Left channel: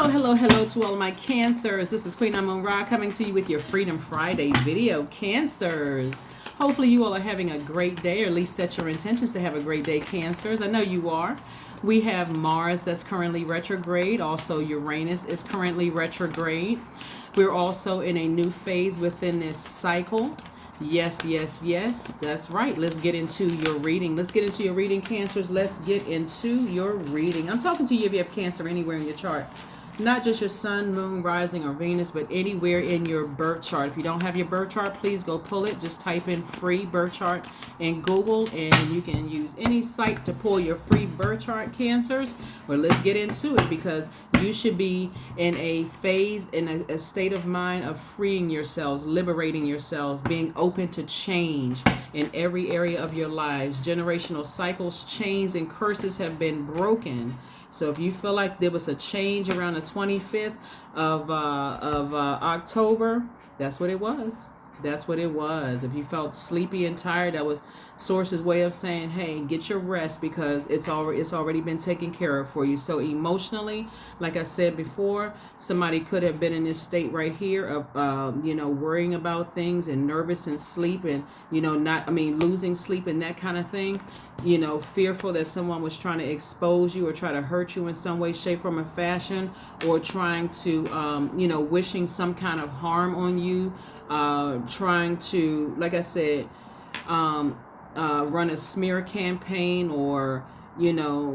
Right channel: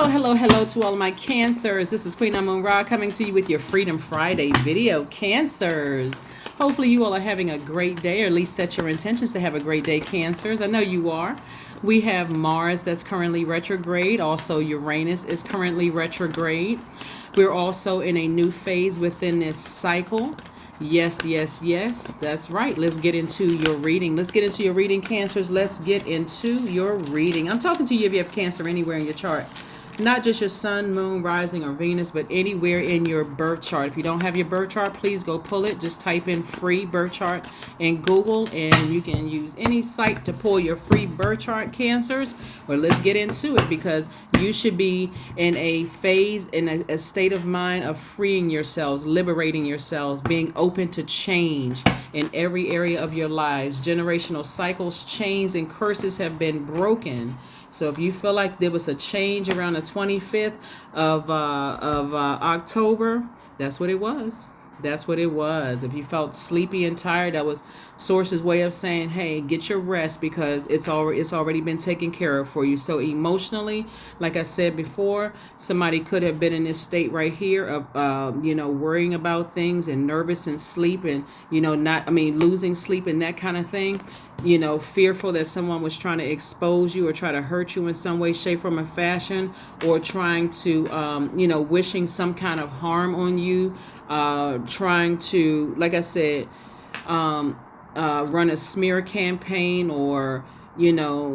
Hello to all of my Cancers. This is Queen Amun Ra coming to you with your Freedom Friday video, Cancers. Hopefully you all are having a great day, or at least set your intentions to have a great day, Cancers. I know you are. We have Mars that's currently retrograde. Also, Uranus is currently retrograde. We're also in a new phase within this cycle. Yes. That's right. Let's get into your reading. Cancers. Let's get into your reading. I'm talking to you if you have Cancer anywhere in your chart. Not just your sun, moon, rising, or Venus, but anywhere in your birth chart. If you don't have your birth chart, please go pull it. Just type in free birth chart in Google, and you can use any site to pull your free birth chart, Cancers. Well, let's get into it, because you should be in a phase, in a state of mind of freeing yourselves, liberating yourselves, being open to change in every area of your lives. Generational cycles, chains, and curses have been broken. So if you feel like there was a change around the 25th of October, that's what it was. If you felt sleepy and tired, that was Source's way of saying, hey, get your rest, because it's already been taken care of for you. So emotionally, like I said before, somebody could have been in this state right here of worrying about things and nervous and sleep and losing sleep and that kind of thing. Fearful that someone was trying to expose you or try to hurt you in some way, shape, form, or fashion, or trying to wishing some kind of harm on you, trying to, like I said, run a smear campaign, or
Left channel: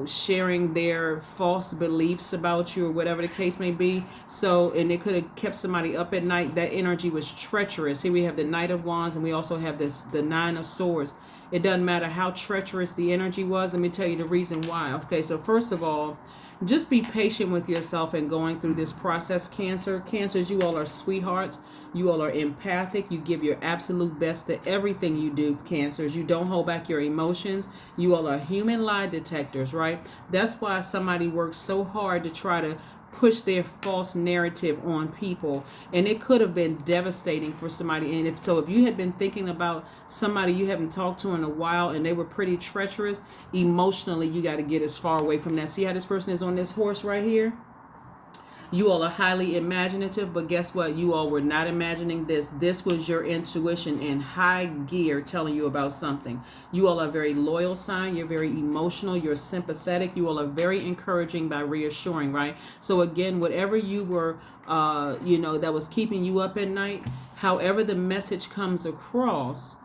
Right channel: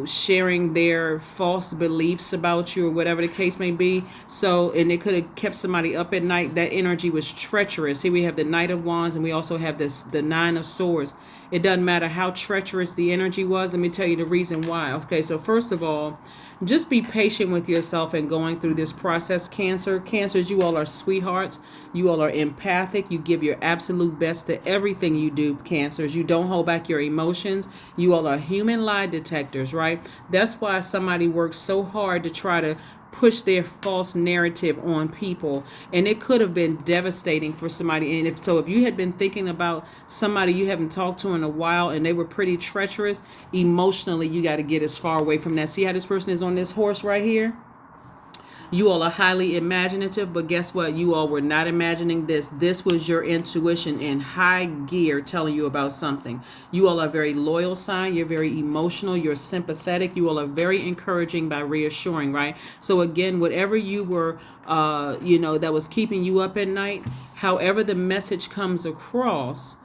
sharing their false beliefs about you, or whatever the case may be. So, and it could have kept somebody up at night. That energy was treacherous. Here we have the Knight of Wands, and we also have the Nine of Swords. It doesn't matter how treacherous the energy was. Let me tell you the reason why. Okay, so first of all, just be patient with yourself and going through this process, Cancer. Cancers, you all are sweethearts. You all are empathic. You give your absolute best to everything you do, Cancers. You don't hold back your emotions. You all are human lie detectors, right? That's why somebody works so hard to try to push their false narrative on people, and it could have been devastating for somebody. And if you had been thinking about somebody you haven't talked to in a while and they were pretty treacherous, emotionally you got to get as far away from that. See how this person is on this horse right here? You all are highly imaginative, but guess what? You all were not imagining this. This was your intuition in high gear telling you about something. You all are very loyal sign. You're very emotional. You're sympathetic. You all are very encouraging by reassuring, right? So again, whatever you were, that was keeping you up at night, however the message comes across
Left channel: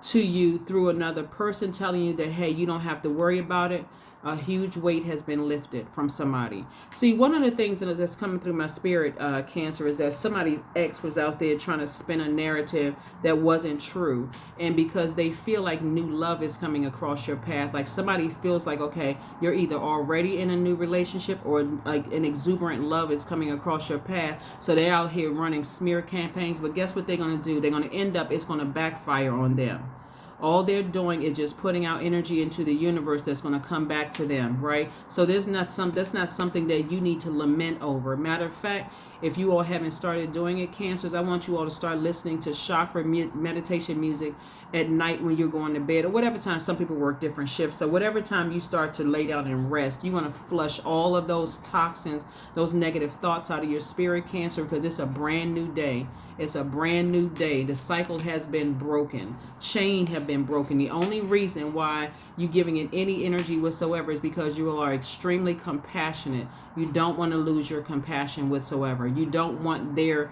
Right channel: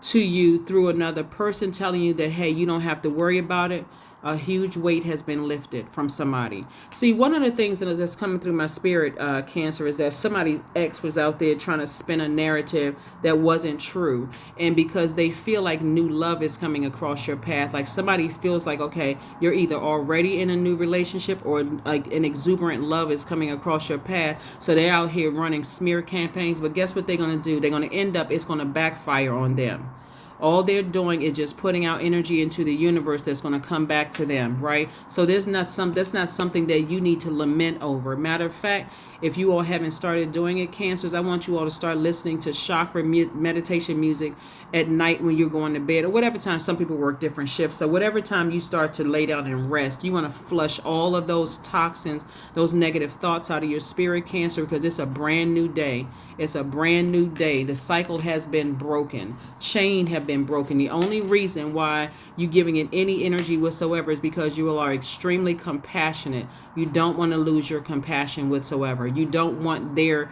to you through another person telling you that, hey, you don't have to worry about it, a huge weight has been lifted from somebody. See, one of the things that's coming through my spirit, Cancer, is that somebody's ex was out there trying to spin a narrative that wasn't true. And because they feel like new love is coming across your path, like somebody feels like, okay, you're either already in a new relationship or like an exuberant love is coming across your path. So they're out here running smear campaigns. But guess what they're going to do? They're going to end up, it's going to backfire on them. All they're doing is just putting out energy into the universe that's going to come back to them, right? So that's not something that you need to lament over. Matter of fact, if you all haven't started doing it, Cancers, I want you all to start listening to chakra meditation music at night when you're going to bed, or whatever time. Some people work different shifts. So whatever time you start to lay down and rest, you want to flush all of those toxins, those negative thoughts out of your spirit, Cancer, because it's a brand new day. It's a brand new day. The cycle has been broken. Chain have been broken. The only reason why you're giving it any energy whatsoever is because you are extremely compassionate. You don't want to lose your compassion whatsoever. You don't want their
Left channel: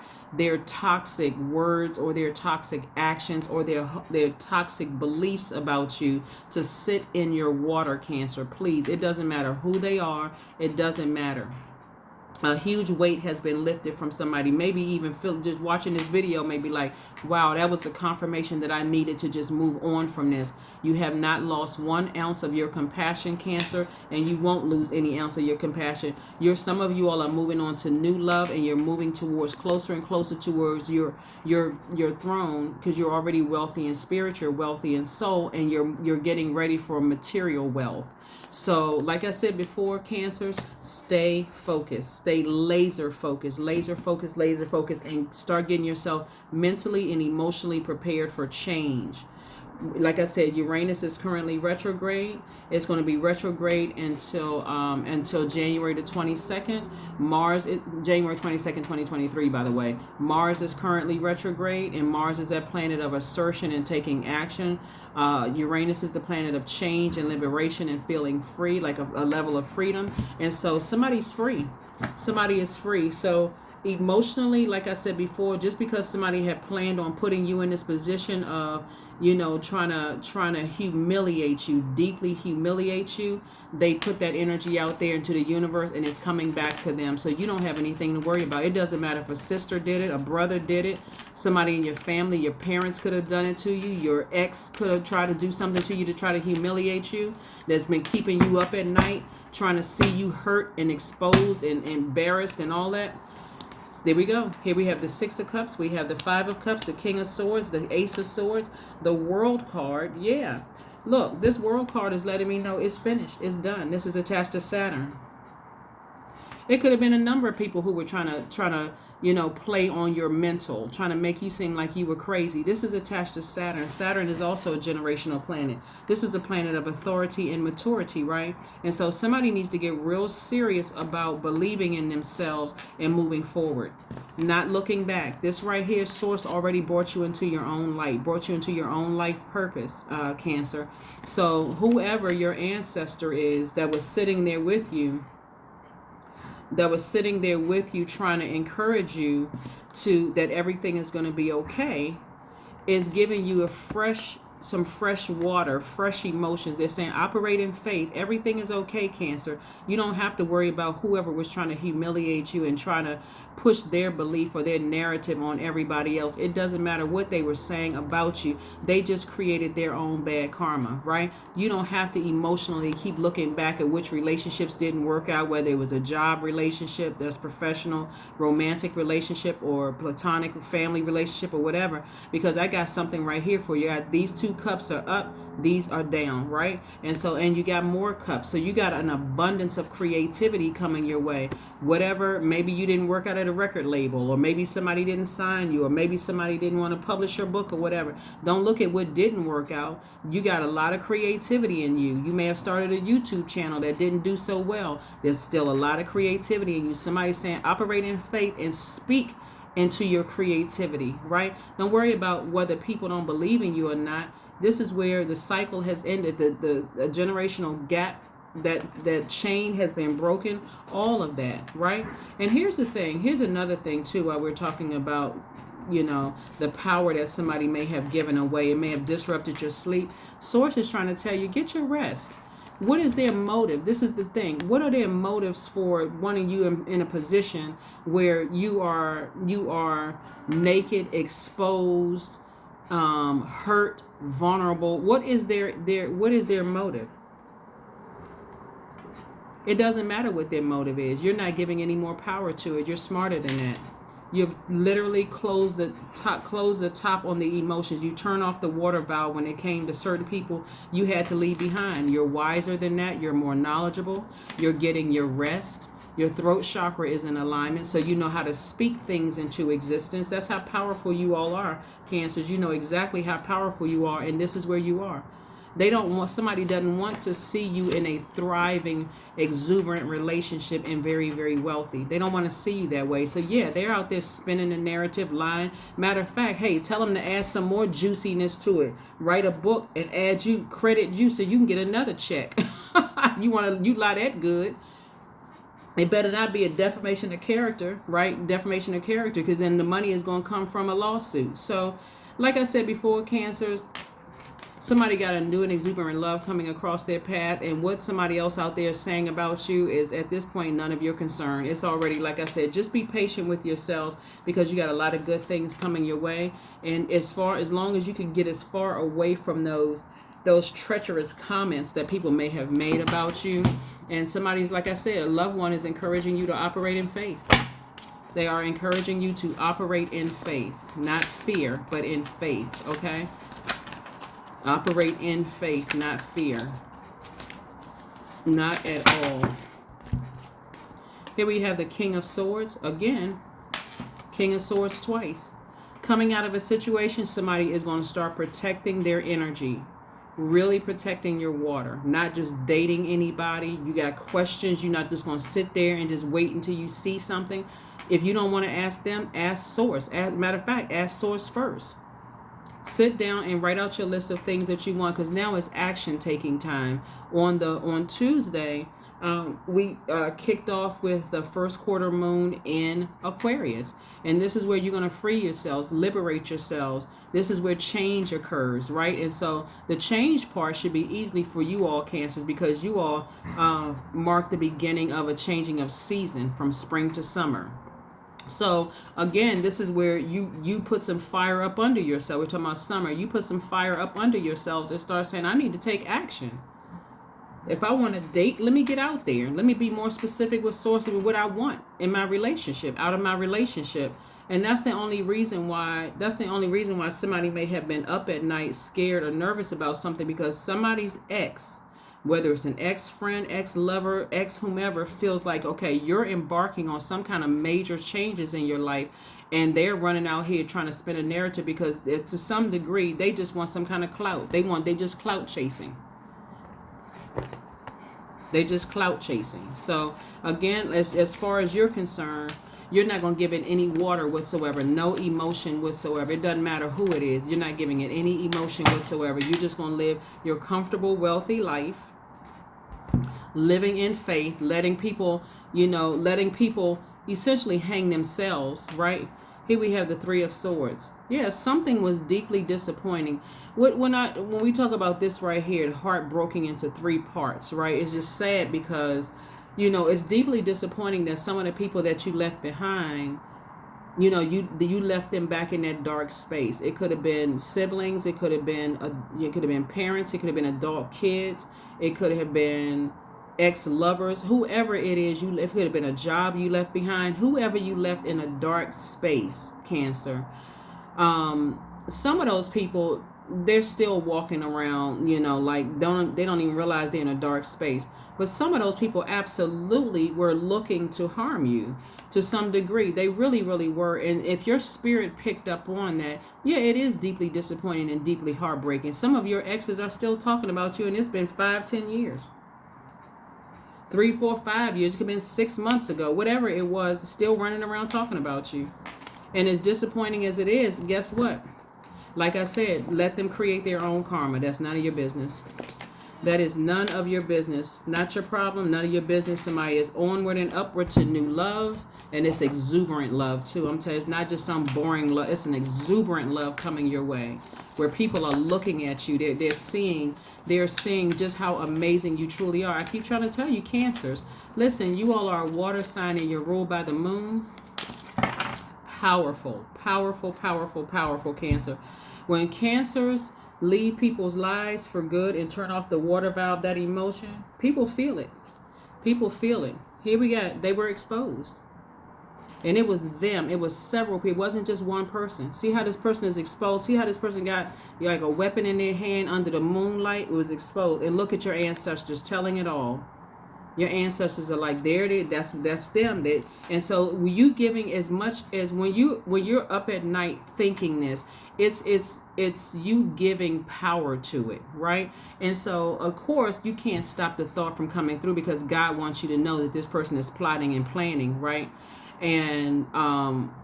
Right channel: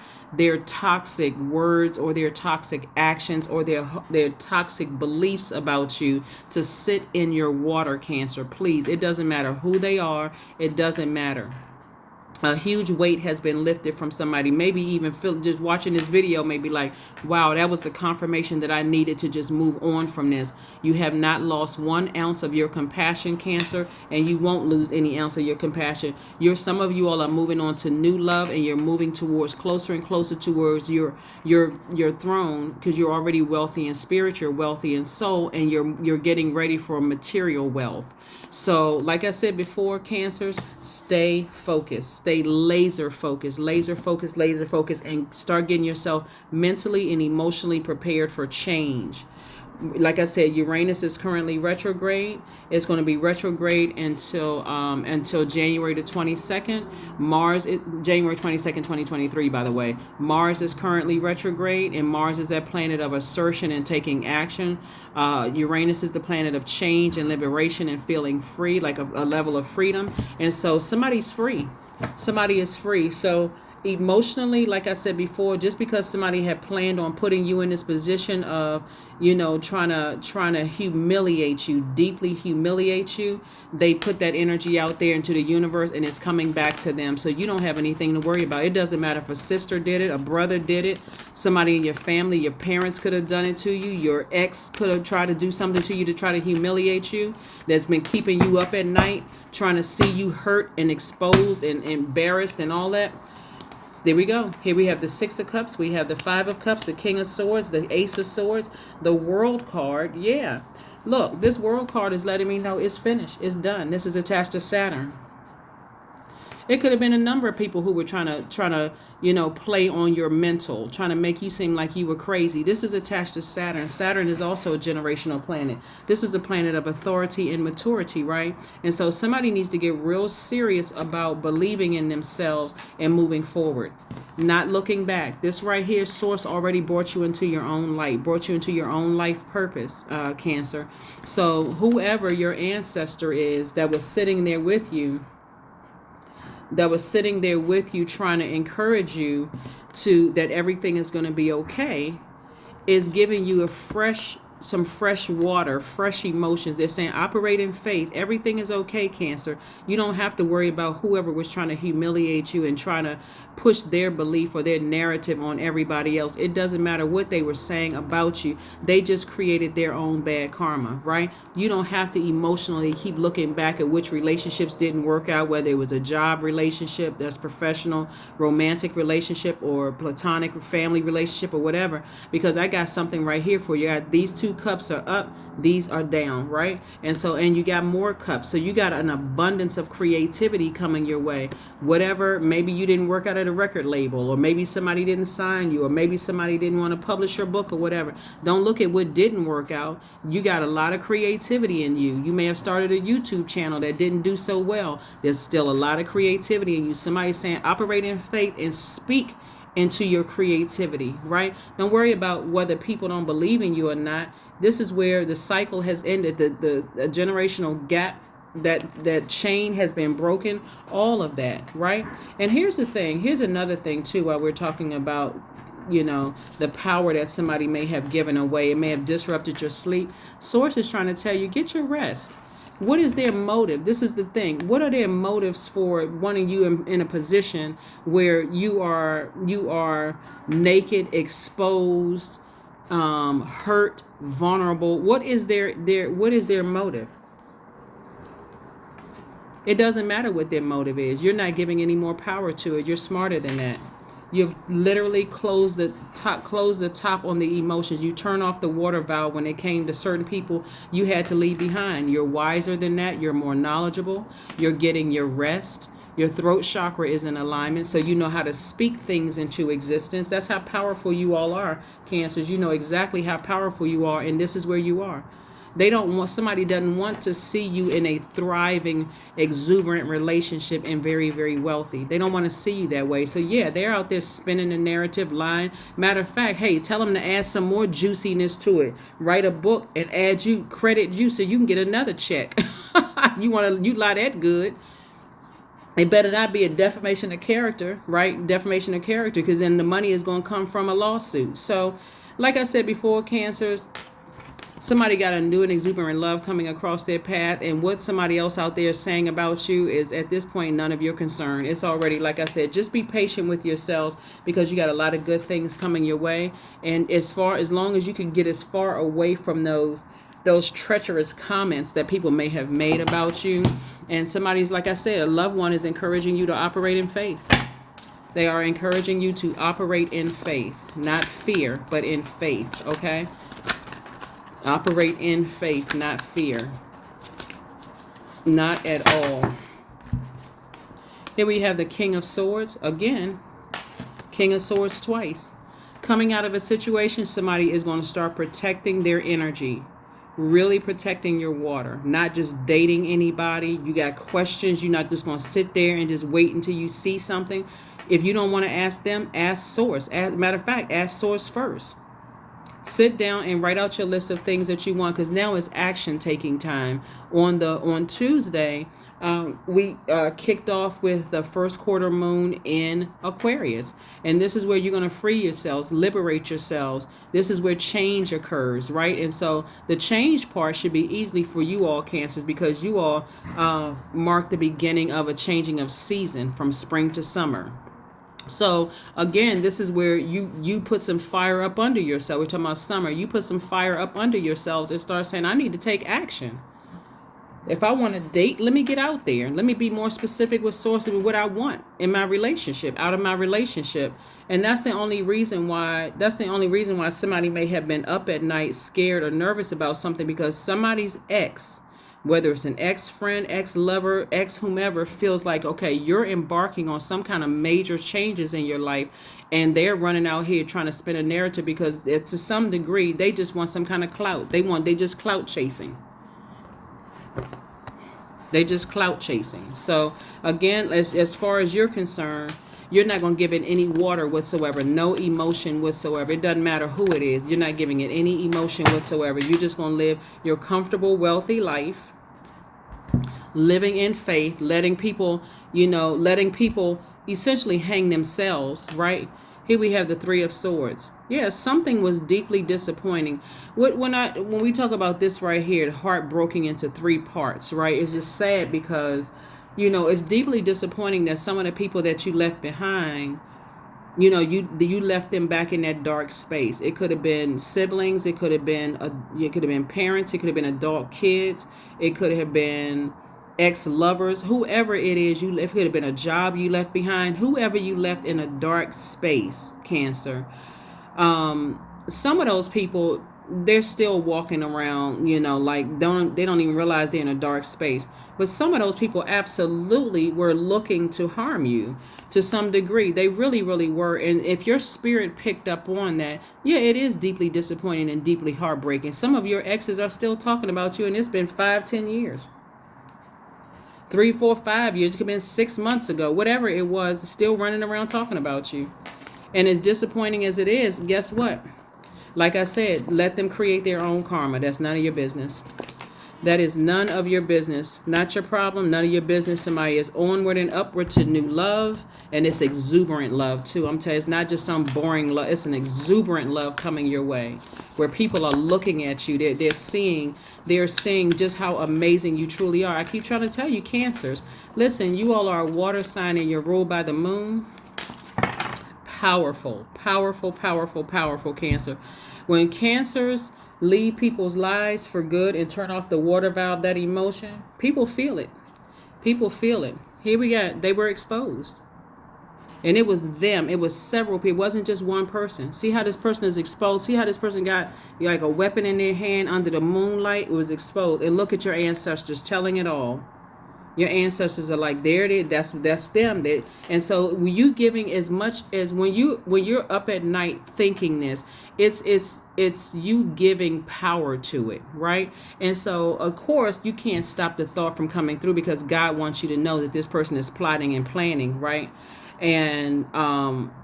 toxic words or their toxic actions or their toxic beliefs about you to sit in your water, Cancer. Please, it doesn't matter who they are. It doesn't matter. A huge weight has been lifted from somebody. Maybe even feel, just watching this video, maybe like, wow, that was the confirmation that I needed to just move on from this. You have not lost 1 ounce of your compassion, Cancer, and you won't lose any ounce of your compassion. Some of you all are moving on to new love, and you're moving towards closer and closer towards your throne, because you're already wealthy in spirit, you're wealthy in soul, and you're getting ready for material wealth. So, like I said before, Cancers, stay focused, stay laser focused, and start getting yourself mentally and emotionally prepared for change. Like I said, Uranus is currently retrograde. It's going to be retrograde until January the 22nd. January 22nd, 2023, by the way. Mars is currently retrograde, and Mars is that planet of assertion and taking action. Uranus is the planet of change and liberation and feeling free, like a level of freedom. And so somebody's free. Somebody is free. So emotionally, like I said before, just because somebody had planned on putting you in this position of, trying to humiliate you, deeply humiliate you, they put that energy out there into the universe, and it's coming back to them. So you don't have anything to worry about. It doesn't matter if a sister did it, a brother did it, somebody in your family, your parents could have done it to you, your ex could have tried to do something to you to try to humiliate you, that's been keeping you up at night, trying to see you hurt and exposed and embarrassed and all that. So there we go. Here we have the Six of Cups. We have the Five of Cups, the King of Swords, the Ace of Swords, the World card. Yeah. Look, this World card is letting me know it's finished. It's done. This is attached to Saturn. It could have been a number of people who were trying to play on your mental, trying to make you seem like you were crazy. This is attached to Saturn. Saturn is also a generational planet. This is a planet of authority and maturity, right? And so somebody needs to get real serious about believing in themselves and moving forward, not looking back. This right here, Source already brought you into your own light, brought you into your own life purpose, Cancer. So whoever your ancestor is that was sitting there with you, trying to encourage you to that everything is going to be okay, is giving you some fresh water, fresh emotions. They're saying operate in faith. Everything is okay, Cancer. You don't have to worry about whoever was trying to humiliate you and trying to push their belief or their narrative on everybody else. It doesn't matter what they were saying about you. They just created their own bad karma, right? You don't have to emotionally keep looking back at which relationships didn't work out, whether it was a job relationship, that's professional, romantic relationship, or platonic family relationship, or whatever, because I got something right here for you. These two cups are up, these are down, right? And you got more cups. So you got an abundance of creativity coming your way. Whatever, maybe you didn't work out at a record label, or maybe somebody didn't sign you, or maybe somebody didn't want to publish your book or whatever. Don't look at what didn't work out. You got a lot of creativity in you. You may have started a YouTube channel that didn't do so well. There's still a lot of creativity in you. Somebody's saying operate in faith and speak into your creativity, right? Don't worry about whether people don't believe in you or not. This is where the cycle has ended. The generational gap, that chain has been broken, all of that, right? And here's the thing. Here's another thing too, while we're talking about, the power that somebody may have given away. It may have disrupted your sleep. Source is trying to tell you, get your rest. What is their motive? This is the thing. What are their motives for wanting you in a position where you are naked, exposed, hurt, vulnerable? What is their motive? It doesn't matter what their motive is. You're not giving any more power to it. You're smarter than that. You've literally closed the top on the emotions. You turn off the water valve when it came to certain people you had to leave behind. You're wiser than that. You're more knowledgeable. You're getting your rest. Your throat chakra is in alignment, so you know how to speak things into existence. That's how powerful you all are, Cancers. You know exactly how powerful you are, and this is where you are. Somebody doesn't want to see you in a thriving, exuberant relationship and very, very wealthy. They don't want to see you that way. So yeah, they're out there spinning the narrative, lying. Matter of fact, hey, tell them to add some more juiciness to it. Write a book and credit you so you can get another check. You lie that good. It better not be a defamation of character, right? Defamation of character, because then the money is going to come from a lawsuit. So like I said before, Cancers, somebody got a new and exuberant love coming across their path, and what somebody else out there is saying about you is at this point none of your concern. It's already, like I said, just be patient with yourselves, because you got a lot of good things coming your way, and as long as you can get as far away from those treacherous comments that people may have made about you, and somebody's, like I said, a loved one is encouraging you to operate in faith. They are encouraging you to operate in faith, not fear, but in faith, okay? Operate in faith, not fear. Not at all. Here we have the King of Swords. Again, King of Swords twice. coming out of a situation, somebody is going to start protecting their energy, really protecting your water, not just dating anybody. You got questions. You're not just going to sit there and just wait until you see something. If you don't want to ask them, ask source. Matter of fact, ask source first. Sit down and write out your list of things that you want, because now it's action taking time. On Tuesday, we kicked off with the first quarter moon in Aquarius. And this is where you're going to free yourselves, liberate yourselves. This is where change occurs, right? And so the change part should be easily for you all, Cancers, because you all mark the beginning of a changing of season from spring to summer. So again, this is where you put some fire up under yourself. We're talking about summer. You put some fire up under yourselves and start saying, I need to take action. If I want to date, let me get out there. Let me be more specific with sources of what I want in my relationship, out of my relationship. And that's the only reason why somebody may have been up at night scared or nervous about something, because somebody's ex, whether it's an ex-friend, ex-lover, ex-whomever, feels like, okay, you're embarking on some kind of major changes in your life, and they're running out here trying to spin a narrative because to some degree, they just want some kind of clout. They just clout chasing. They just clout chasing. So again, as far as you're concerned, you're not going to give it any water whatsoever, no emotion whatsoever. It doesn't matter who it is. You're not giving it any emotion whatsoever. You're just going to live your comfortable, wealthy life, living in faith, letting people essentially hang themselves, right? Here we have the Three of Swords. Yeah, something was deeply disappointing. When we talk about this right here, heart broken into three parts, right? It's just sad because, it's deeply disappointing that some of the people that you left behind, you left them back in that dark space. It could have been siblings. It could have been parents. It could have been adult kids. It could have been ex-lovers, whoever it is it could have been a job you left behind, whoever you left in a dark space, Cancer. Some of those people, they're still walking around, like they don't even realize they're in a dark space. But some of those people absolutely were looking to harm you to some degree. They really, really were. And if your spirit picked up on that, yeah, it is deeply disappointing and deeply heartbreaking. Some of your exes are still talking about you, and it's been 5-10 years. 3, 4, 5 years. It could have been 6 months ago. Whatever it was, still running around talking about you. And as disappointing as it is, guess what? Like I said, let them create their own karma. That's none of your business. That is none of your business. Not your problem, none of your business. Somebody is onward and upward to new love. And it's exuberant love, too. I'm telling you, it's not just some boring love. It's an exuberant love coming your way, where people are looking at you. They're seeing just how amazing you truly are. I keep trying to tell you, Cancers, listen, you all are a water sign and you're ruled by the moon. Powerful, powerful, powerful, powerful, Cancer. When Cancers leave people's lives for good and turn off the water valve, that emotion, people feel it. People feel it. Here they were exposed. And it was them. It was several people. It wasn't just one person. See how this person is exposed? See how this person got like a weapon in their hand under the moonlight? It was exposed. And look at your ancestors telling it all. Your ancestors are like, there it is. That's them. And so when you giving as much as when you're up at night thinking this, it's you giving power to it, right? And so of course you can't stop the thought from coming through, because God wants you to know that this person is plotting and planning, right? And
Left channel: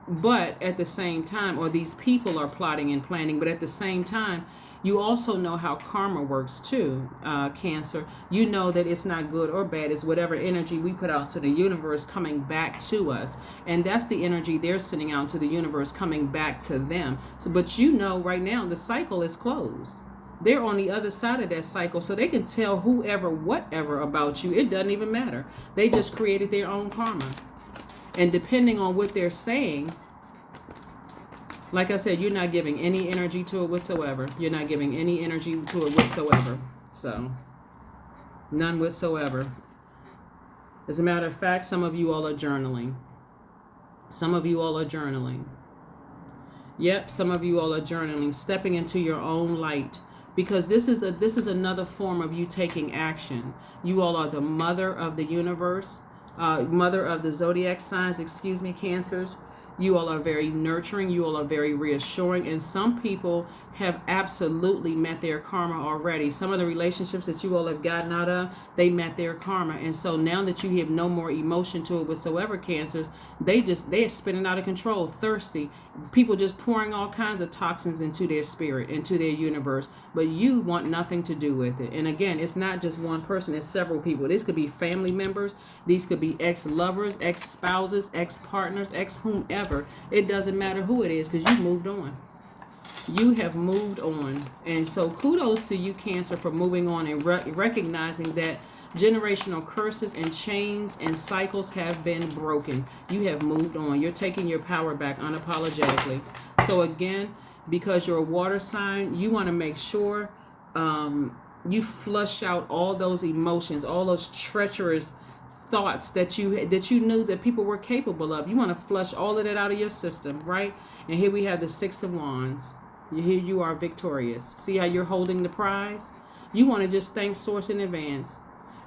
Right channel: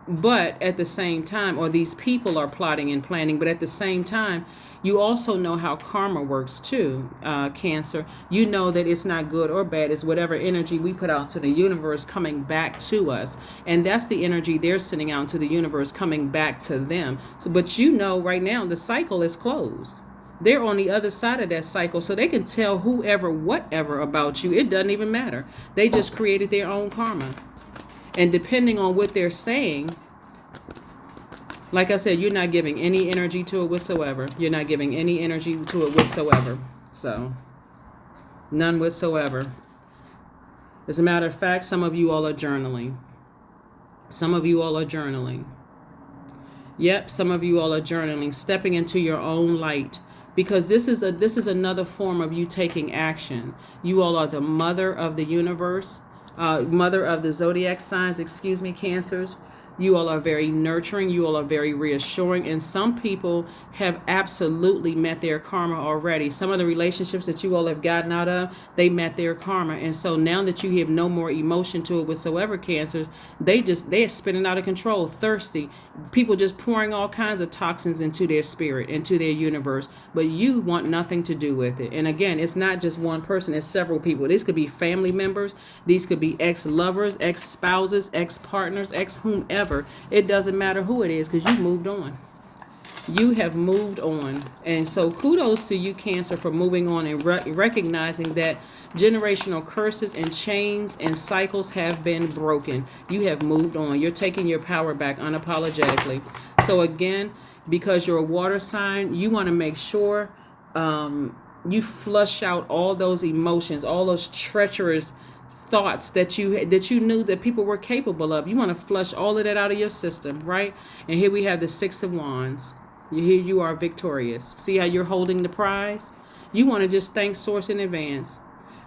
but at the same time, or these people are plotting and planning, but at the same time, you also know how karma works too, Cancer. You know that it's not good or bad. It's whatever energy we put out to the universe coming back to us. And that's the energy they're sending out to the universe coming back to them. So, but right now, the cycle is closed. They're on the other side of that cycle, so they can tell whoever, whatever about you. It doesn't even matter. They just created their own karma. And depending on what they're saying, like I said, you're not giving any energy to it whatsoever. You're not giving any energy to it whatsoever. So, none whatsoever. As a matter of fact, some of you all are journaling. Some of you all are journaling. Yep, some of you all are journaling, stepping into your own light. Because this is another form of you taking action. You all are the mother of the universe. Mother of the zodiac signs, Cancers. You all are very nurturing. You all are very reassuring. And some people have absolutely met their karma already. Some of the relationships that you all have gotten out of, they met their karma. And so now that you have no more emotion to it whatsoever, Cancers, they're spinning out of control, thirsty. People just pouring all kinds of toxins into their spirit, into their universe. But you want nothing to do with it. And again, it's not just one person, it's several people. This could be family members. These could be ex-lovers, ex-spouses, ex-partners, ex-whomever. It doesn't matter who it is, because you moved on. You have moved on. And so kudos to you, Cancer, for moving on and recognizing that generational curses and chains and cycles have been broken. You have moved on. You're taking your power back unapologetically. So again, because you're a water sign, you want to make sure you flush out all those emotions, all those treacherous thoughts that you knew that people were capable of. You want to flush all of that out of your system, right? And here we have the Six of Wands. Here you are victorious. See how you're holding the prize? You want to just thank Source in advance.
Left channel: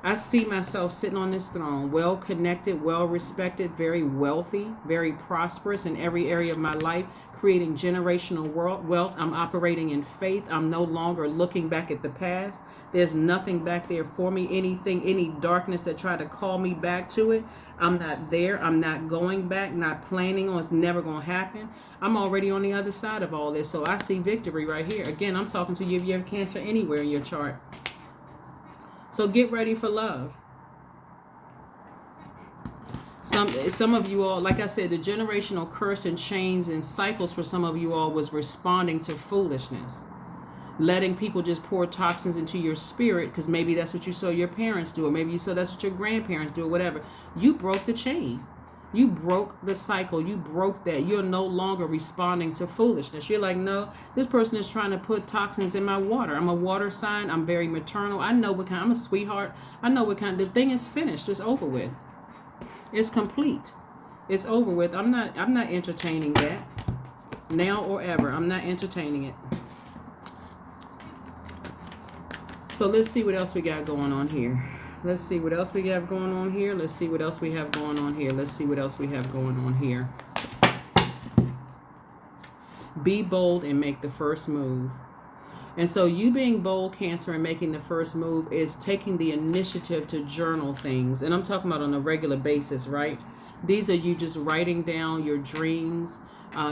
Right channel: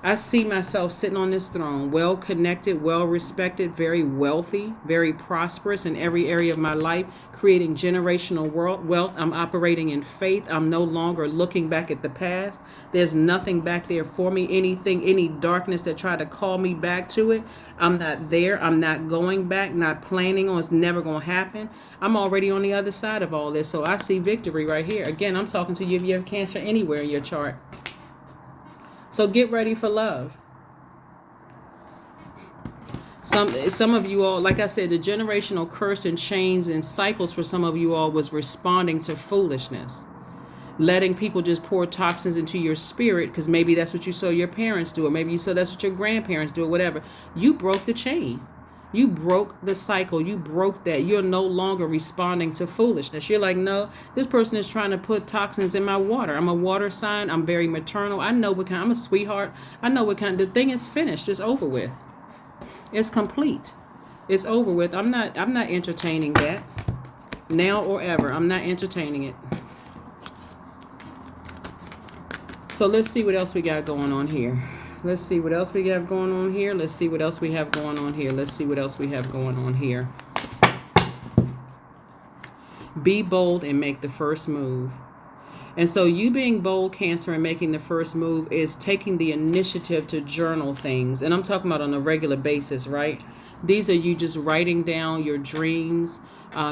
I see myself sitting on this throne, well connected, well respected, very wealthy, very prosperous in every area of my life, creating generational wealth. I'm operating in faith. I'm no longer looking back at the past. There's nothing back there for me, any darkness that tried to call me back to it. I'm not there. I'm not going back, not planning on. It's never going to happen. I'm already on the other side of all this. So I see victory right here. Again, I'm talking to you if you have Cancer anywhere in your chart. So get ready for love. Some of you all, like I said, the generational curse and chains and cycles for some of you all was responding to foolishness. Letting people just pour toxins into your spirit because maybe that's what you saw your parents do, or maybe you saw that's what your grandparents do, or whatever. You broke the chain. You broke the cycle. You broke that. You're no longer responding to foolishness. You're like, no, this person is trying to put toxins in my water. I'm a water sign. I'm very maternal. I know what kind. I'm a sweetheart. I know what kind. The thing is finished. It's over with. It's complete. It's over with. I'm not entertaining that now or ever. I'm not entertaining it. So let's see what else we got going on here. Let's see what else we have going on here. Let's see what else we have going on here. Let's see what else we have going on here. Be bold and make the first move. And so you being bold, Cancer, and making the first move is taking the initiative to journal things. And I'm talking about on a regular basis, right? These are you just writing down your dreams.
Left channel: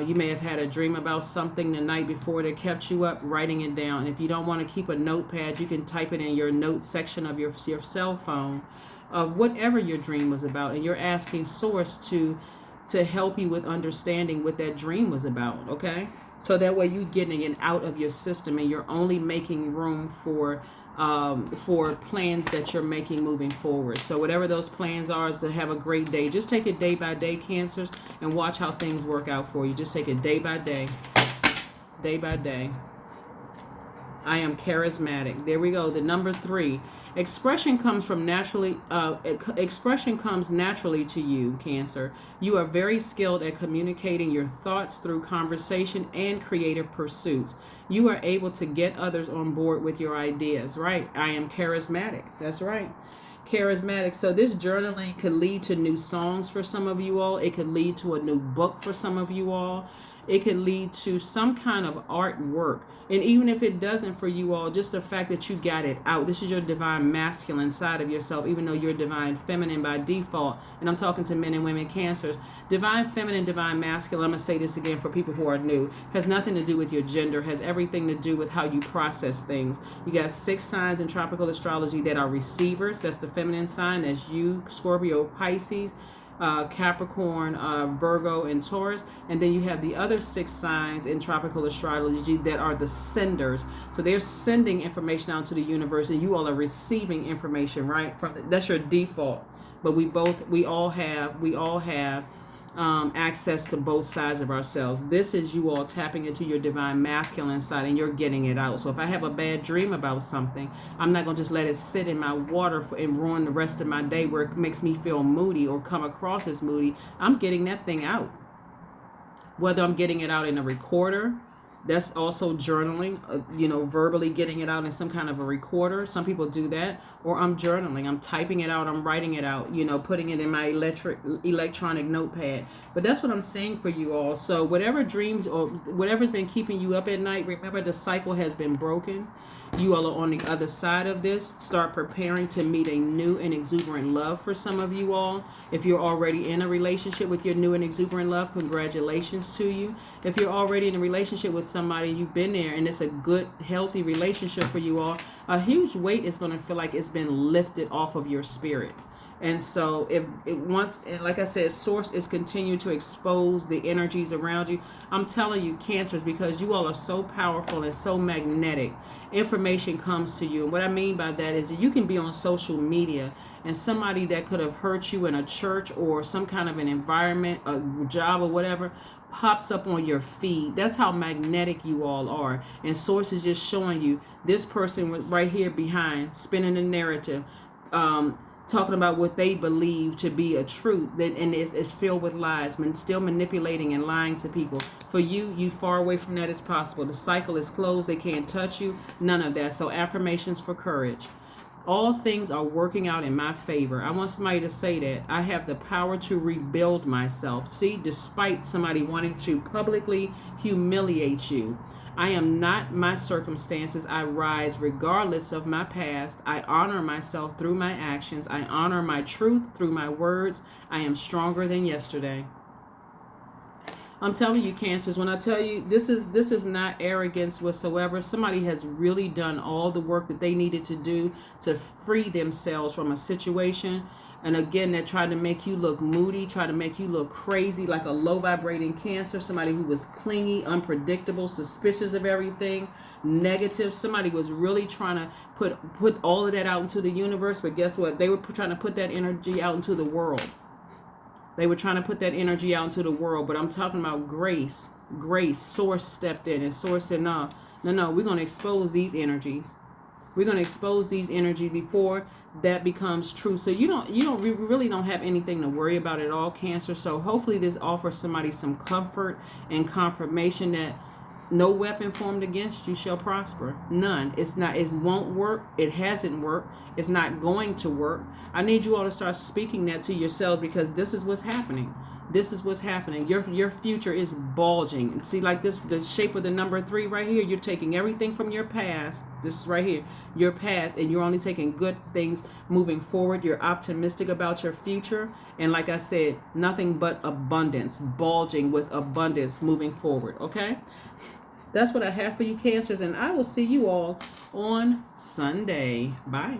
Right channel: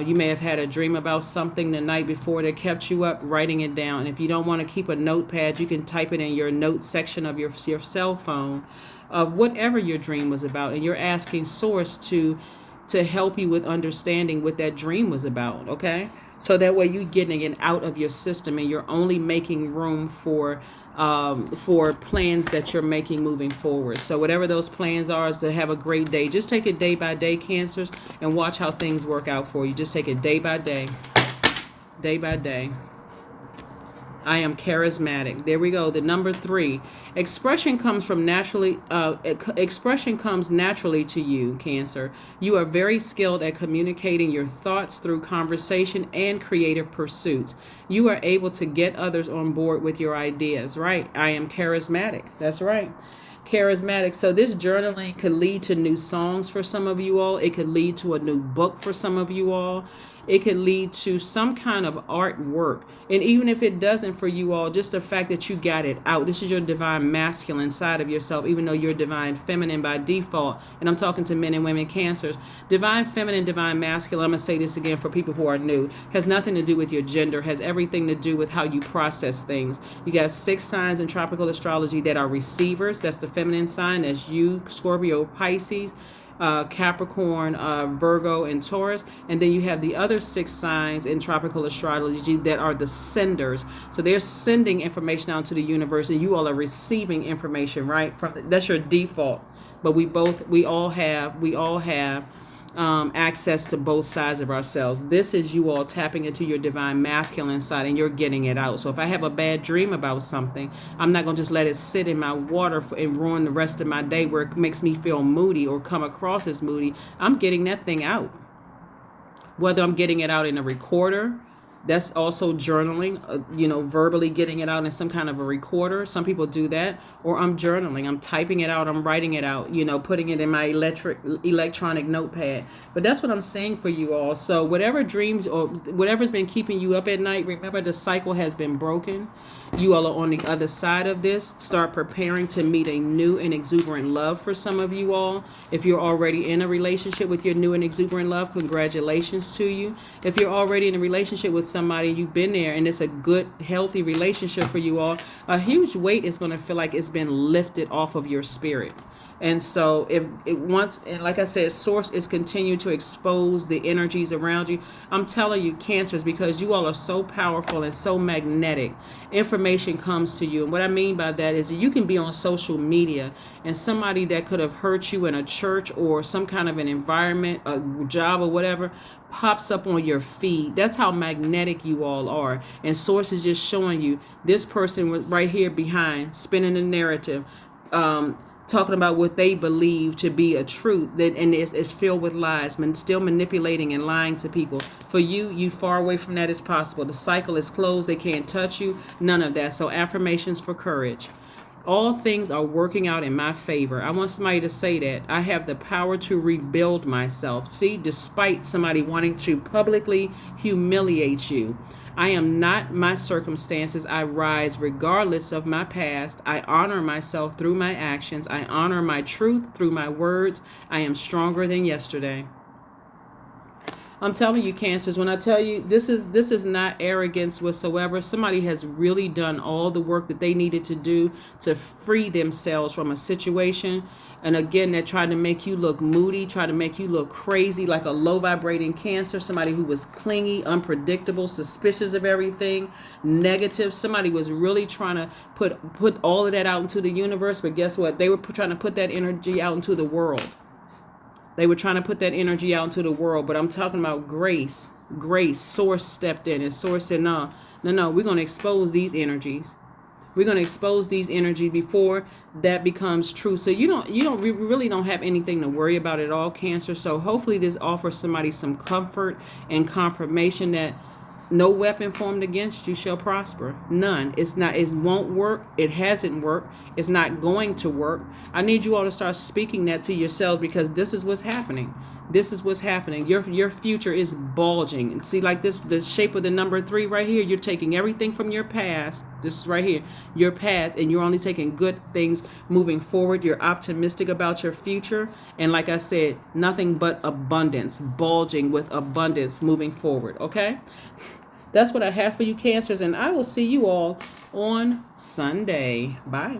You may have had a dream about something the night before that kept you up, writing it down. And if you don't want to keep a notepad, you can type it in your notes section of your cell phone of whatever your dream was about. And you're asking Source to help you with understanding what that dream was about, okay? So that way you're getting it out of your system and you're only making room for plans that you're making moving forward. So whatever those plans are is to have a great day. Just take it day by day, Cancers, and watch how things work out for you. Just take it day by day. Day by day. I am charismatic. There we go. The number 3. Expression comes naturally to you, Cancer. You are very skilled at communicating your thoughts through conversation and creative pursuits. You are able to get others on board with your ideas, right? I am charismatic. That's right. Charismatic. So this journaling could lead to new songs for some of you all. It could lead to a new book for some of you all. It could lead to some kind of artwork. And even if it doesn't for you all, just the fact that you got it out. This is your divine masculine side of yourself, even though you're divine feminine by default. And I'm talking to men and women Cancers. Divine feminine, divine masculine, I'm going to say this again for people who are new, has nothing to do with your gender, has everything to do with how you process things. You got 6 signs in tropical astrology that are receivers. That's the feminine sign. That's you, Scorpio, Pisces, Capricorn, Virgo, and Taurus. And then you have the other 6 signs in tropical astrology that are the senders. So they're sending information out to the universe and you all are receiving information, right? That's your default. But we all have access to both sides of ourselves. This is you all tapping into your divine masculine side and you're getting it out. So if I have a bad dream about something, I'm not going to just let it sit in my water and ruin the rest of my day where it makes me feel moody or come across as moody. I'm getting that thing out. Whether I'm getting it out in a recorder, That's also journaling, verbally getting it out in some kind of a recorder. Some people do that. Or I'm journaling. I'm typing it out. I'm writing it out, putting it in my electronic notepad. But that's what I'm saying for you all. So whatever dreams or whatever's been keeping you up at night, remember the cycle has been broken. You all are on the other side of this. Start preparing to meet a new and exuberant love for some of you all. If you're already in a relationship with your new and exuberant love, congratulations to you. If you're already in a relationship with somebody, you've been there and it's a good, healthy relationship for you all, a huge weight is going to feel like it's been lifted off of your spirit. And so if it wants, and like I said, source is continuing to expose the energies around you. I'm telling you, Cancers, because you all are so powerful and so magnetic, information comes to you. And what I mean by that is that you can be on social media and somebody that could have hurt you in a church or some kind of an environment, a job or whatever, pops up on your feed. That's how magnetic you all are. And source is just showing you this person was right here behind, spinning the narrative, talking about what they believe to be a truth, that and it's filled with lies, still manipulating and lying to people. For you far away from that as possible. The cycle is closed. They can't touch you. None of that. So affirmations for courage. All things are working out in my favor. I want somebody to say that. I have the power to rebuild myself. See, despite somebody wanting to publicly humiliate you, I am not my circumstances. I rise regardless of my past. I honor myself through my actions. I honor my truth through my words. I am stronger than yesterday. I'm telling you, Cancers, when I tell you this is not arrogance whatsoever. Somebody has really done all the work that they needed to do to free themselves from a situation. And again, they're trying to make you look moody, trying to make you look crazy, like a low vibrating Cancer, somebody who was clingy, unpredictable, suspicious of everything, negative. Somebody was really trying to put all of that out into the universe. But guess what? They were trying to put that energy out into the world. They were trying to put that energy out into the world. But I'm talking about grace. Grace. Source stepped in and Source said, no, we're going to expose these energies. We're going to expose these energies before that becomes true. So we really don't have anything to worry about at all, Cancer. So hopefully this offers somebody some comfort and confirmation that no weapon formed against you shall prosper. None. It won't work. It hasn't worked. It's not going to work. I need you all to start speaking that to yourselves, because this is what's happening. This is what's happening. Your future is bulging. See, like this, the shape of the number 3 right here, you're taking everything from your past. This is right here, your past, and you're only taking good things moving forward. You're optimistic about your future. And like I said, nothing but abundance, bulging with abundance moving forward. Okay? That's what I have for you, Cancers, and I will see you all on Sunday. Bye.